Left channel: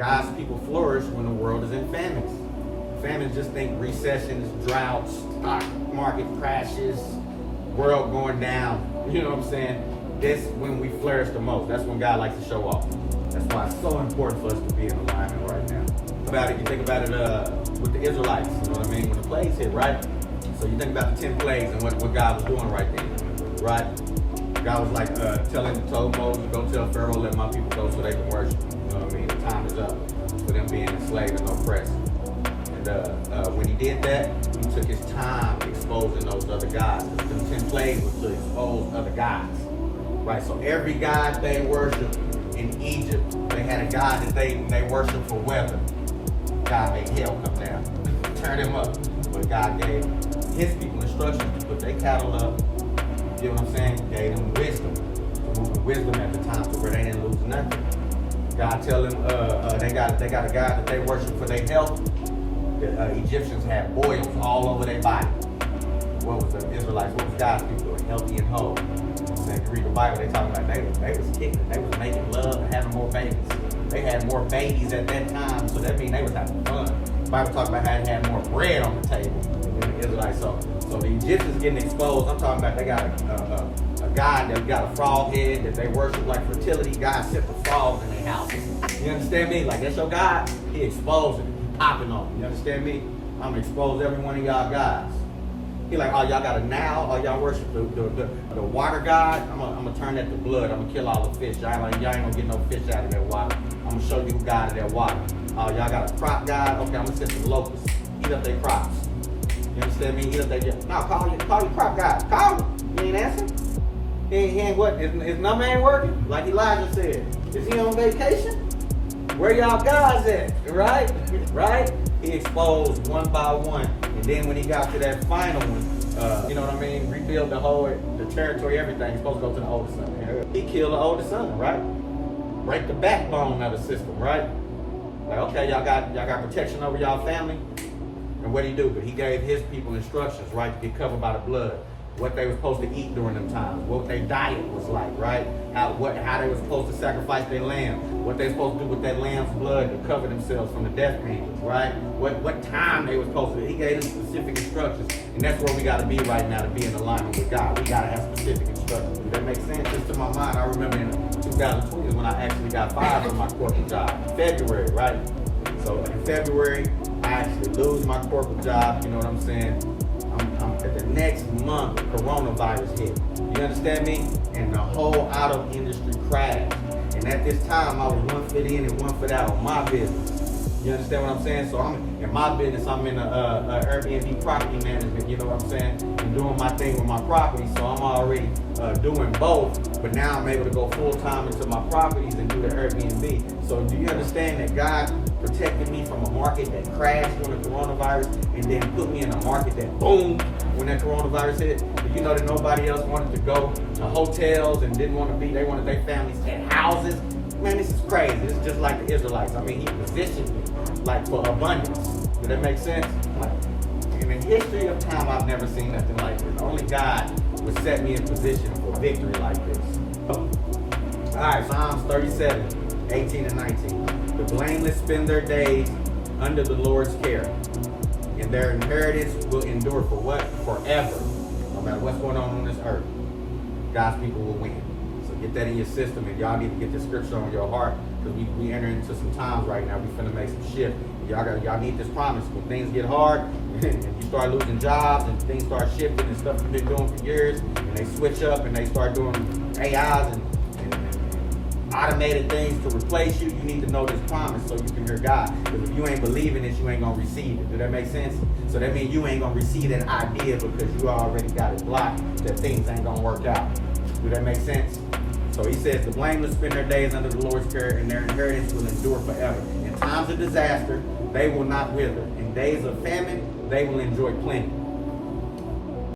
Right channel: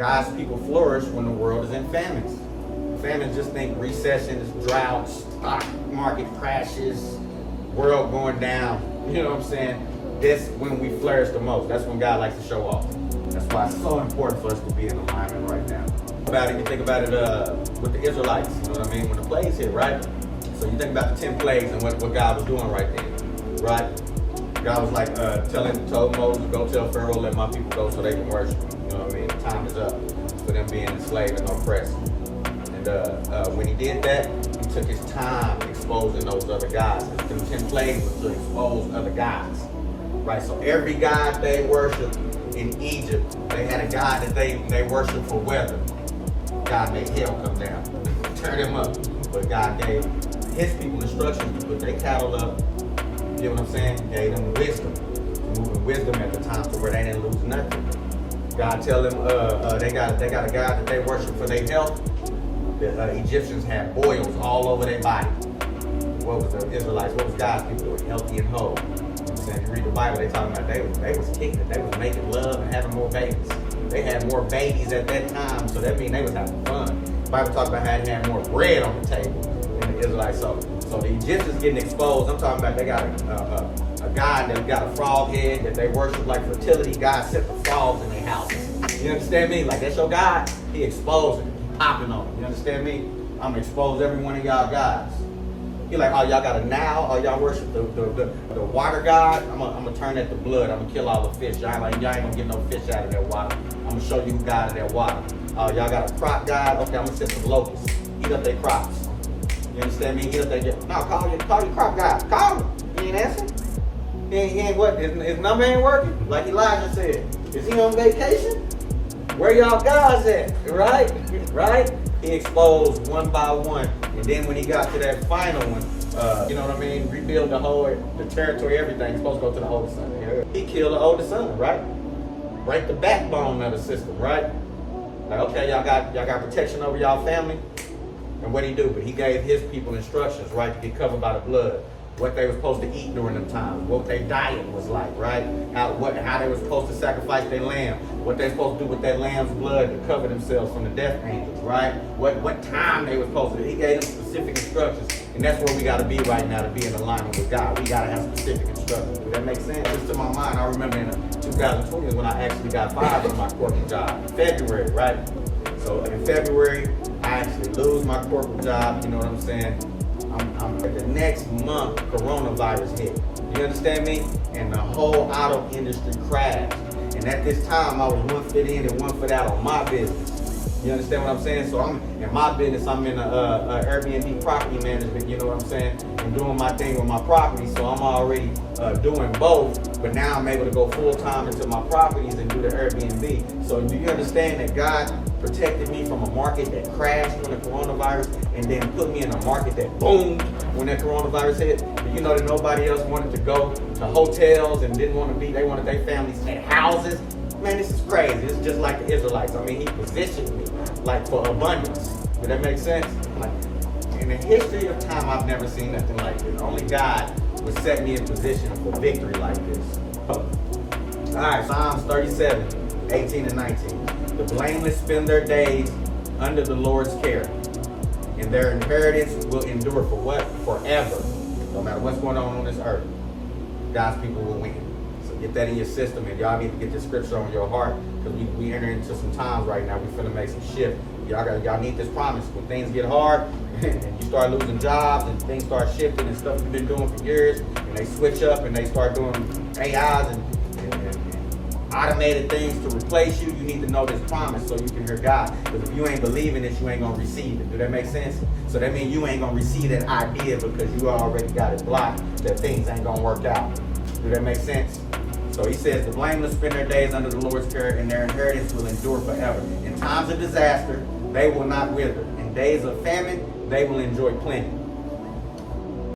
God's people flourish when the world is in famines. Famines, just think recessions, droughts, stock market crashes, world going down. You know what I'm saying? That's when we flourish the most. That's when God likes to show off. That's why it's so important for us to be in alignment right now. You think about it with the Israelites, you know what I mean? When the plagues hit, right? So you think about the 10 plagues and what God was doing right then, right? God was like told Moses, go tell Pharaoh, let my people go so they can worship. You know what I mean? The time is up for them being enslaved and oppressed. And when he did that, he took his time exposing those other gods. Because the 10 plagues was to expose other gods, right? So every god they worshiped in Egypt, they had a god that they worshiped for weather. God made hell come down, turn him up. But God gave his people instructions to put their cattle up. You know what I'm saying? Gave them wisdom, moving wisdom at the time to where they didn't lose nothing. God tell them they got a God that they worship for their health. The Egyptians had boils all over their body. What was the Israelites? What was God's people doing? Healthy and whole. So if you read the Bible, they talking about they was kicking, they was making love and having more babies. They had more babies at that time, so that means they was having fun. The Bible talks about how they had more bread on the table than the Israelites. So the Egyptians getting exposed. I'm talking about they got a God that got a frog head that they worship like fertility. God set the frogs in their houses. You understand me? Like that's your God. He exposed it. He popping on it. You understand me? I'm gonna expose every one of y'all gods. He like, oh, y'all got a now? Oh, y'all worship the water god? I'm gonna turn that to blood. I'm gonna kill all the fish. Y'all ain't gonna get no fish out of that water. I'm gonna show you who God of that water. Oh, y'all got a crop god? Okay, I'm gonna send some locusts. Eat up their crops. You understand me? Eat up their... No, call your crop god. Call him. He ain't answering. He ain't what? His number ain't working? Like Elijah said. Is he on vacation? Where y'all gods at? Right? Right? He exposed one by one. And then when he got to that final one, you know what I mean? Rebuild the territory, everything. He's supposed to go to the oldest son. He killed the oldest son, right? Break the backbone of the system, right? Like, okay, y'all got protection over y'all family. And what he do? But he gave his people instructions, right, to get covered by the blood. What they were supposed to eat during them times, what their diet was like, right? How they were supposed to sacrifice their lamb, what they supposed to do with that lamb's blood to cover themselves from the death angels, right? What time they were supposed to do. He gave them specific instructions, and that's where we got to be right now to be in alignment with God. We got to have specific instructions. Does that make sense? Just to my mind, I remember in 2020 is when I actually got fired from my corporate job. February, right? So in February, I actually lose my corporate job. You know what I'm saying? The next month, coronavirus hit. You understand me? And the whole auto industry crashed. And at this time, I was one foot in and one foot out on my business. You understand what I'm saying? So I'm in my business. I'm in a Airbnb property management. You know what I'm saying? And doing my thing with my property. So I'm already doing both. But now I'm able to go full time into my properties and do the Airbnb. So do you understand that God protected me from a market that crashed during the coronavirus and then put me in a market that boomed when that coronavirus hit? But you know that nobody else wanted to go to hotels and didn't want to be, they wanted their families at houses. Man, this is crazy. It's just like the Israelites. I mean, he positioned me like for abundance. Does that make sense? Like, in the history of time, I've never seen nothing like this. Only God would set me in position for victory like this. All right, Psalms 37, 18 and 19. The blameless spend their days under the Lord's care, and their inheritance will endure for what? Forever. No matter what's going on this earth, God's people will win. So get that in your system, and y'all need to get this scripture on your heart, because we enter into some times right now. We finna make some shift. Y'all need this promise. When things get hard and you start losing jobs and things start shifting and stuff you've been doing for years, and they switch up and they start doing AIs and automated things to replace you, you need to know this promise so you can hear God. Because if you ain't believing this, you ain't gonna receive it. Do that make sense? So that means you ain't gonna receive that idea because you already got it blocked that things ain't gonna work out. Do that make sense? So he says the blameless spend their days under the Lord's care, and their inheritance will endure forever. In times of disaster, they will not wither. In days of famine, they will enjoy plenty.